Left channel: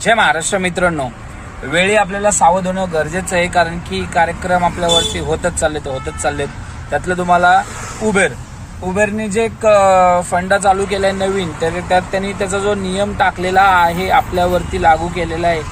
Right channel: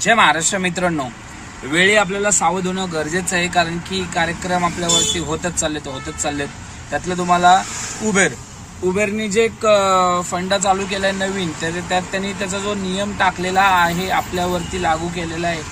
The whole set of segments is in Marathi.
जय महाराष्ट्र मित्रांनो, वेळी आपल्याला सावध होणं गरजेचं आहे, कारण की कार्यक्रम आपल्यावरती होतच चाललेत. त्यातलं तुम्हाला उबेरने जे एक फंडा चालू केलाय नवीन, त्यात त्यांनी त्याचा जो नियम टाकलेला आहे आपल्यावरती लागू केलेला आहे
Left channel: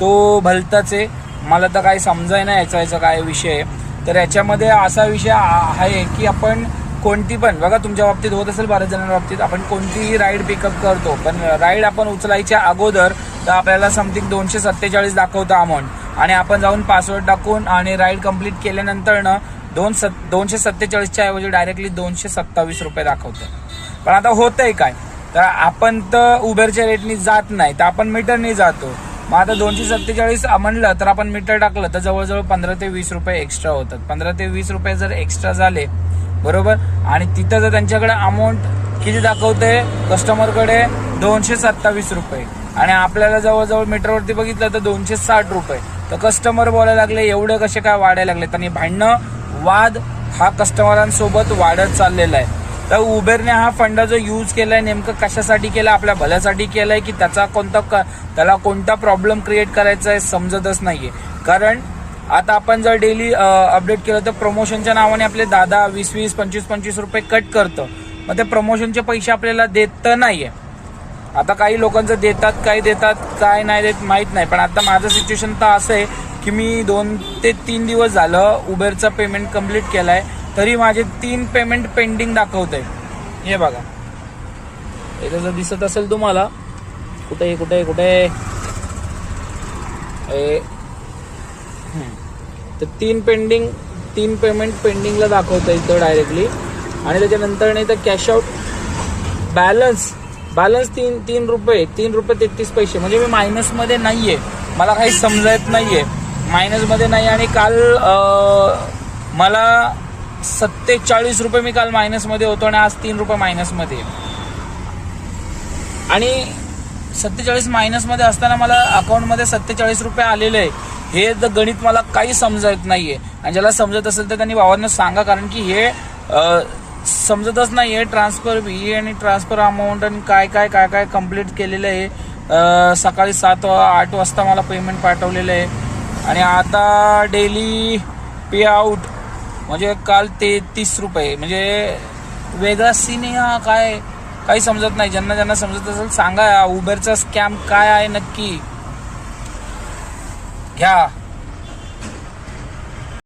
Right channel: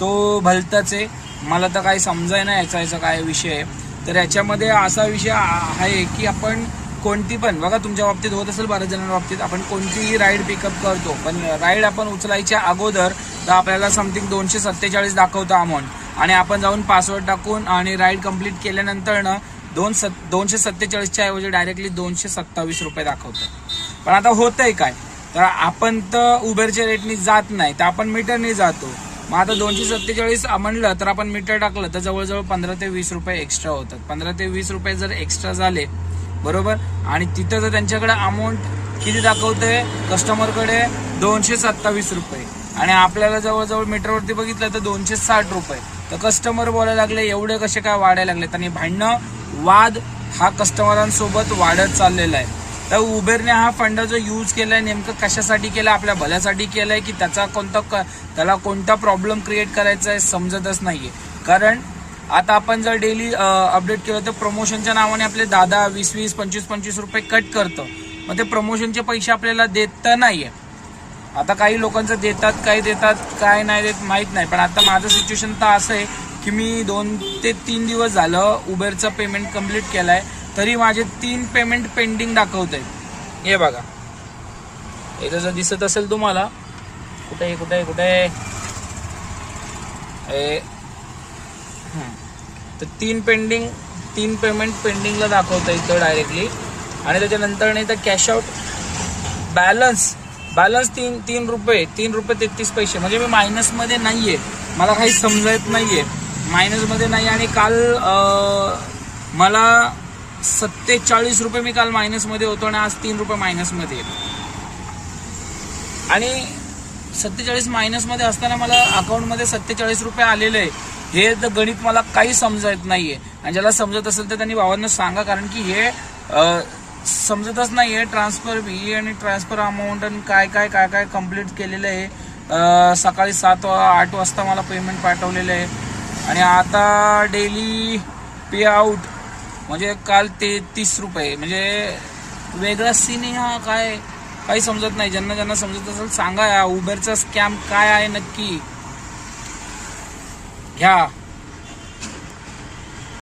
तो भलताच आहे. मला तर काही समजायना याचा काय विषय आहे. तर याच्यामध्ये असा विषय आहे की आपण कोणती पण, बघा तुमच्या बाबतीत होत असेल, बऱ्याच जणांच्या बाबतीत आपण कोणतीही राईड पिकअप करतो, पण राईड आपण उचलायच्या अगोदर तर आपल्याला समथिंग 247 दाखवतं अमाऊंट, आणि आपण जाऊन पासवर्ड टाकून आणि राईड कंप्लीट केल्यानंतर ना 247च्या ऐवजी डायरेक्टली 227 रुपये दाखवतं. पण आता होतंय काय, तर आपण तर उबेरच्या रेटनी जात नाही, तर आपण मीटरने जातो. मग आता 247 म्हणलं तर आपण मीटर टाकलं तर जवळजवळ 15 ते 20 रुपये एक्स्ट्रा होतात. 15 ते 20 रुपये जर एक्स्ट्रा झाले बरोबर, आणि तिथं जर त्यांच्याकडे अमाऊंट किती दाखवते कस्टमरकडे 227 रुपये, आणि आपल्याला जवळजवळ मीटरवरती बघितलं तर 260 रुपये, तर कस्टमर बोलायला लागले एवढे कसे काय वाढायला लागले. आणि वाद हा कस्टमरांसोबत वाढत चाललेला आहे. तर उबेरने हा फंडा जो यूज केलाय नेमकं कशासाठी केलाय, आपल्या भल्यासाठी केलाय की त्याला कोणता प्रॉब्लेम क्रिएट करायचा आहे समजतच नाहीये. कारण आता आपण जर डेली अपडेट केलं तर प्रमोशनच्या नावाने आपले 10, 20, 25 रुपये कट करतं. मग ते प्रमोशनचे पैसे आपल्याला देत नाहीये. आता काही लोकांचं देतात, काय नाही देत माहित नाही. पण आता माझं सिच्युएशन तर असं आहे की मी 2 ते 3 दिवस झालं उबेरचा पेमेंट कम्प्लीट केलाय, तरी माझे 3 पेमेंट पेंडिंग दाखवत आहे. हे बघा, हे जर दिसत असेल तुम्हाला, कुठे तर 3 पेमेंट पेंडिंगला दाखवतं इथं डायरेक्टली. आणि त्याच्यानंतर नाही तर कॅश आउट बॅलन्स 3 रुपये 33 पैसे. म्हणजे मी मायनसमध्ये नाहीये, मला काही समजत नाहीये, मायनसमध्ये नाही. आणि काल मला 47 रुपये मी काल मायनसमध्ये होतो, आणि आज 3 रुपये मायनसमध्ये. आणि 47 मायनसमध्ये असताना मला अकाउंटमध्ये 47 रुपये आलेले आहे. हे गणित मला काही समजत नाहीये. आणि ज्याला समजत असेल तर त्यांनी भावांना सांगा, कारण की हे समजतच नाहीये. ट्रान्सफर फी आणि ट्रान्सफर अमाऊंट आणि काय कम्प्लीट केलेलं आहे. सकाळी 7-8 वाजता मला पेमेंट पाठवलेलं आहे, आणि आता डेली पे आउट म्हणजे काल 33 रुपये. म्हणजे वेगळा सीन आहे हा. काही समजत नाही. ज्यांना समजत असेल सांगा, उबेरचा स्कॅम काय आहे नक्की. घ्या.